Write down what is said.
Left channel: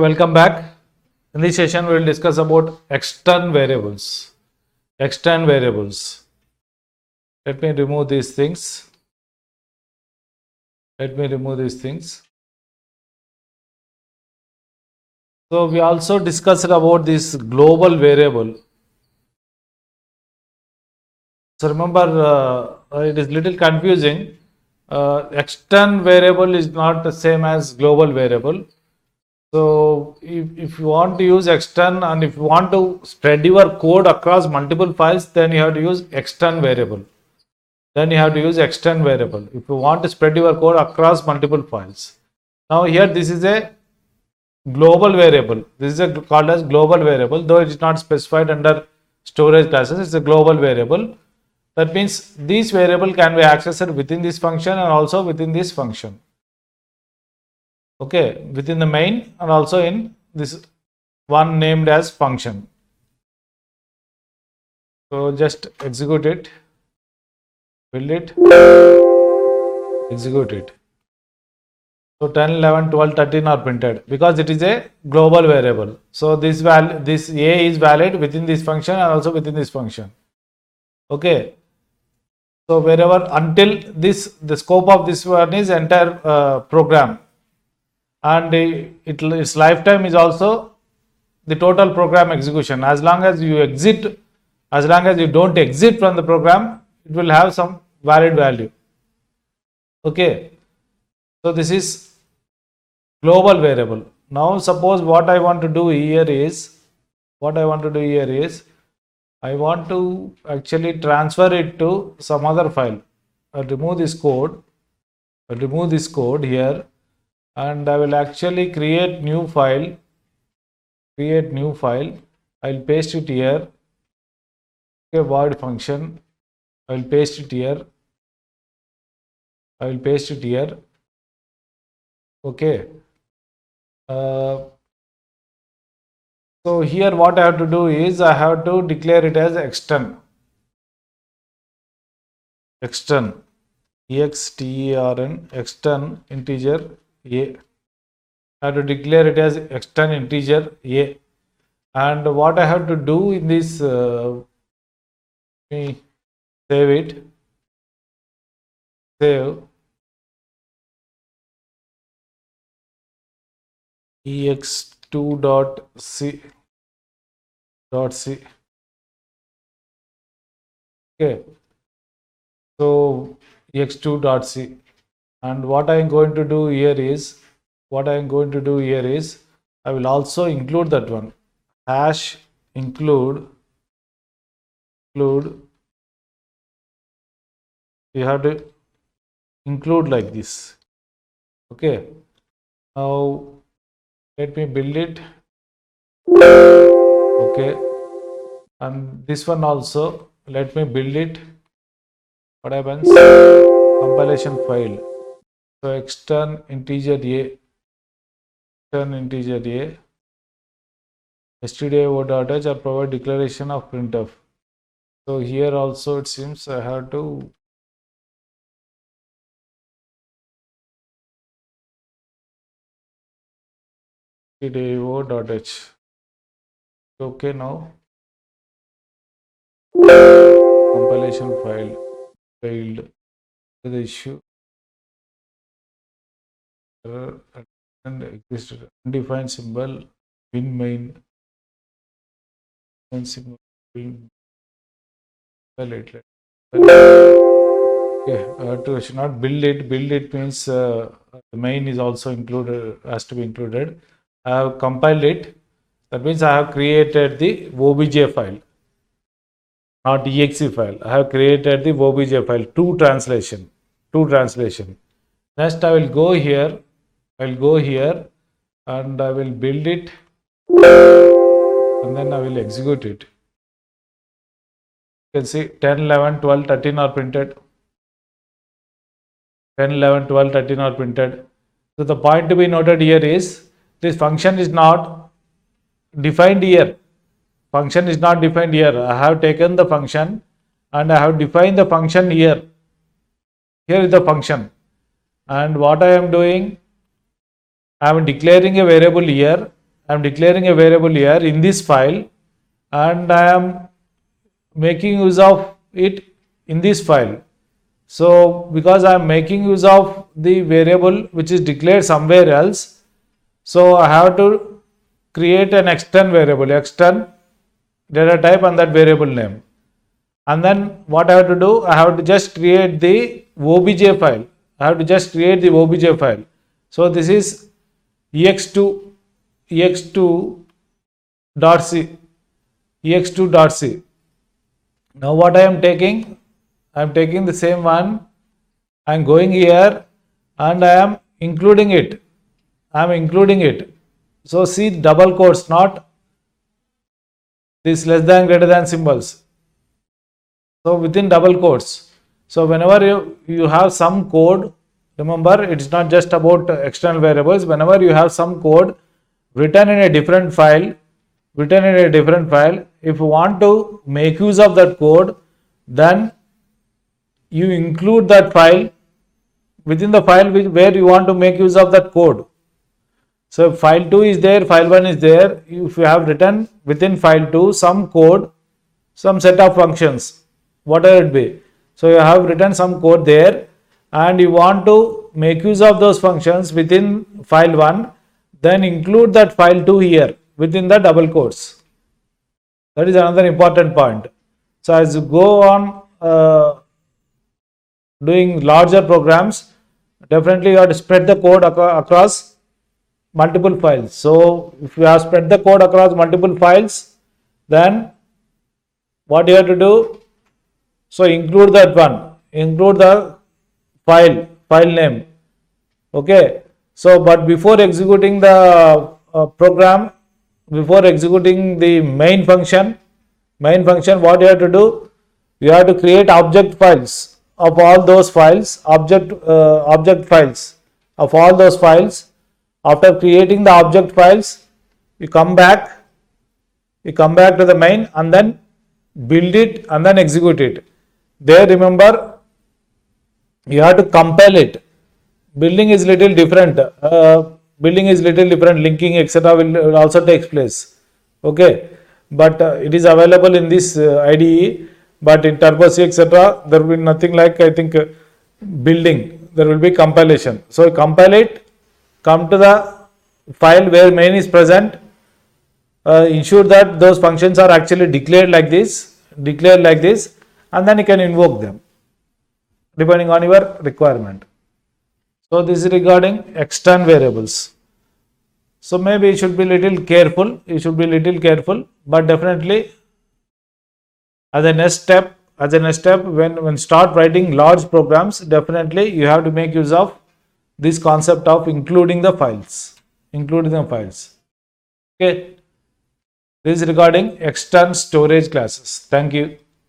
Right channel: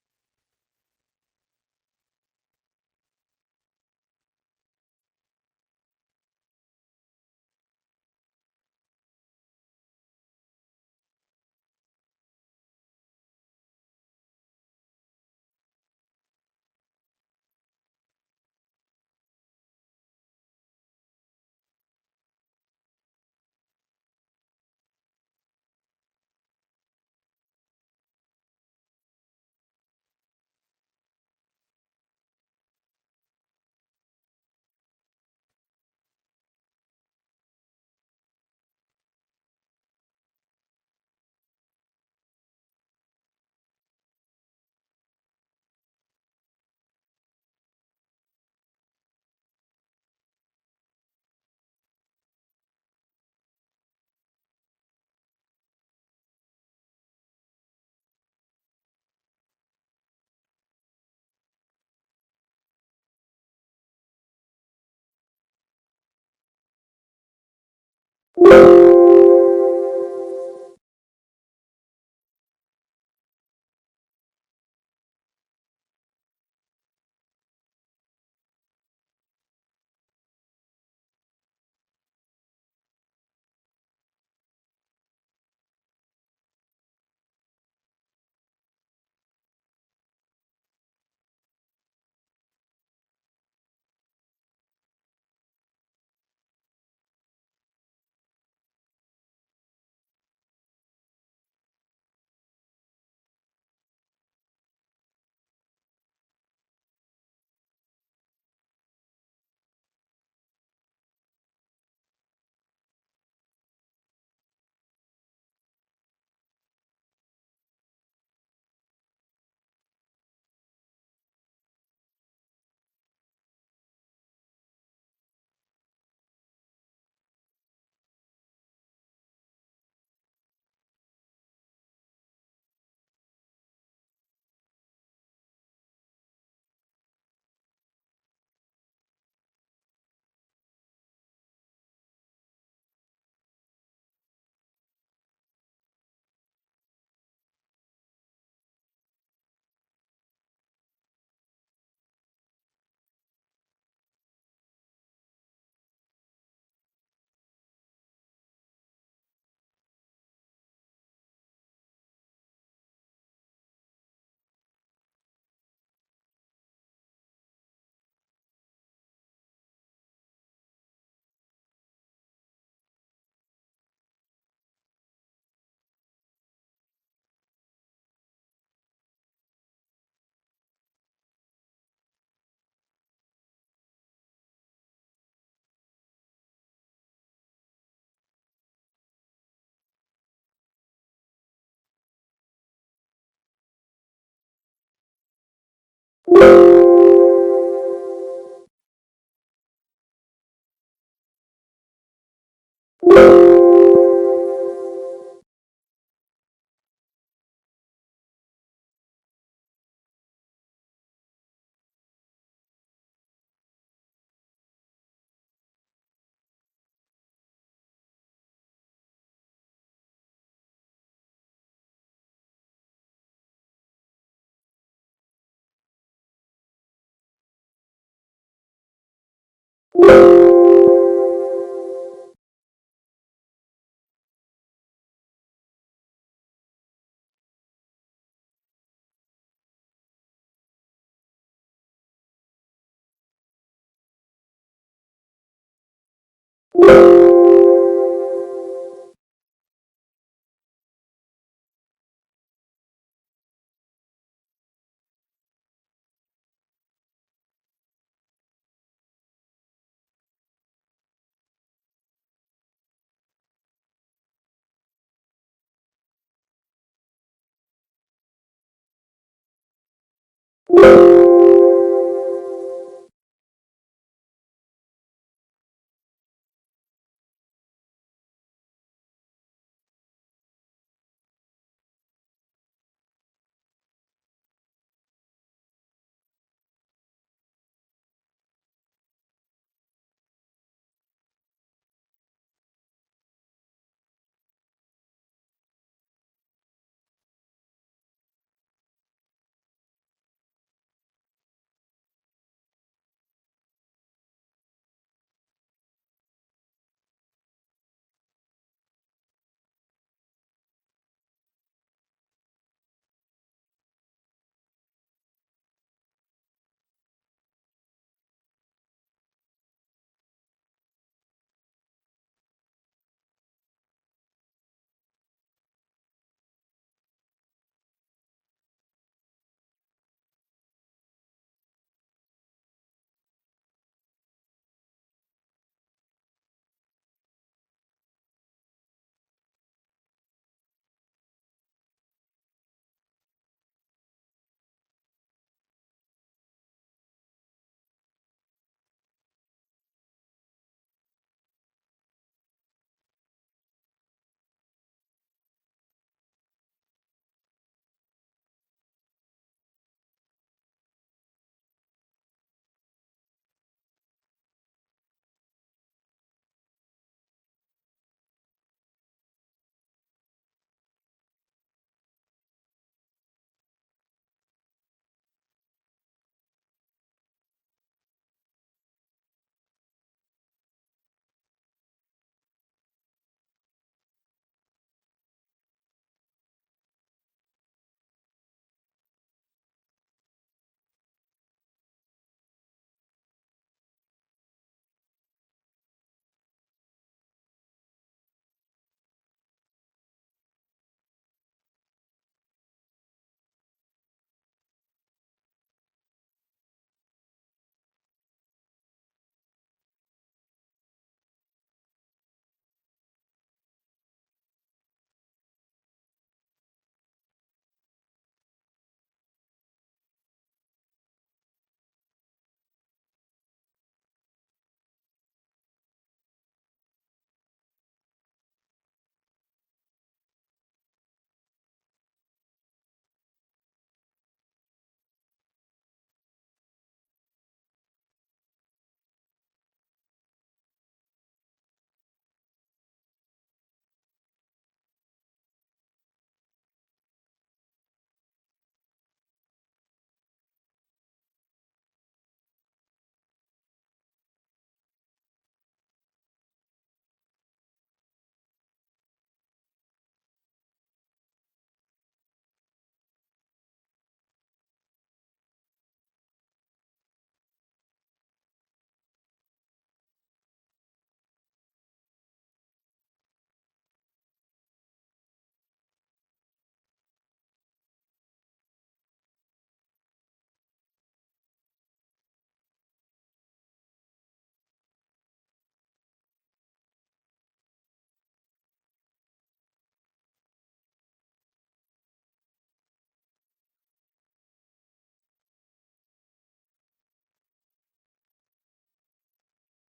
Welcome back. In this session, we will discuss about external variables. External variables. Let me remove these things. So we also discussed about this global variable. So remember, it is little confusing. External variable is not the same as global variable. So if you want to use extern and if you want to spread your code across multiple files, then you have to use extern variable. If you want to spread your code across multiple files. Now here this is a global variable. This is called as global variable, though it is not specified under storage classes. It's a global variable. That means this variable can be accessed within this function and also within this function. Okay, within the main and also in this one named as function. So just execute it, build it, execute it. So 10, 11, 12, 13 are printed because it is a global variable. So this A is valid within this function and also within this function. Okay. So wherever until the scope of this one is entire program, and its lifetime is also the total program execution. As long as you don't exit from the program, it will have some valid value. Okay. So this is global variable. Now suppose what I want to do here is I want to actually transfer it to some other file. I'll remove this code here, and I will actually create new file. I'll paste it here. Okay, void function. I will paste it here. Okay. So here what I have to do is I have to declare it as extern, extern integer a. I have to declare it as extern integer a. And what I have to do in this, save ex2.c. Okay, so ex2.c, and what I am going to do here is I will also include that one, hash include. You have to include like this. Okay, now let me build it. Okay, and this one also let me build it. What happens? Compilation file. So extern integer a, stdio.h or provide declaration of printf. So here also it seems I have to stdio.h. Okay, now compilation file failed. The issue and existed undefined symbol in main symbol okay, should not build it means the main is also included, has to be included. I have compiled it. That means I have created the obj file, not exe file. I have created the obj file, two translation. Next I will go here and I will build it, and then I will execute it. You can see 10, 11, 12, 13 are printed. 10, 11, 12, 13 are printed. So the point to be noted here is this function is not defined here. I have taken the function and I have defined the function here. Here is the function. And what I am doing, I am declaring a variable here I am declaring a variable here in this file, and I am making use of it in this file. So because I am making use of the variable which is declared somewhere else, so I have to create an extern variable, extern data type and that variable name. And then what I have to do, I have to just create the obj file. I have to just create the obj file. So this is ex2.c, ex2.c. Now what I am taking, I am taking the same one, I am going here and I am including it. I am including it. So see double quotes, not this less than greater than symbols. So within double quotes. So whenever you have some code, remember it's not just about external variables. Whenever you have some code written in a different file, if you want to make use of that code, then you include that file within the file where you want to make use of that code. So if file 2 is there, file 1 is there. If you have written within file 2 some code, some set of functions, whatever it be. So you have written some code there and you want to make use of those functions within file 1, then include that file 2 here within the double quotes. That is another important point. So as you go on doing larger programs, definitely you have to spread the code across multiple files. So if you have spread the code across multiple files, then what you have to do, so include that one, include the file name. Okay. So but before executing the program, before executing the main function, what you have to do, you have to create object files of all those files, object files of all those files. After creating the object files, you come back to the main and then build it and then execute it. There remember, you have to compile it. Building is little different. Linking etc. will also takes place. Okay, but it is available in this IDE. But in Turbo C etc. there will be nothing like, I think, building. There will be compilation. So you compile it, come to the file where main is present, ensure that those functions are actually declared like this, and then you can invoke them depending on your requirement. So this is regarding external variables. So maybe you should be little careful. But definitely as a next step, when start writing large programs, definitely you have to make use of this concept of including the files. Okay. This is regarding external storage classes. Thank you.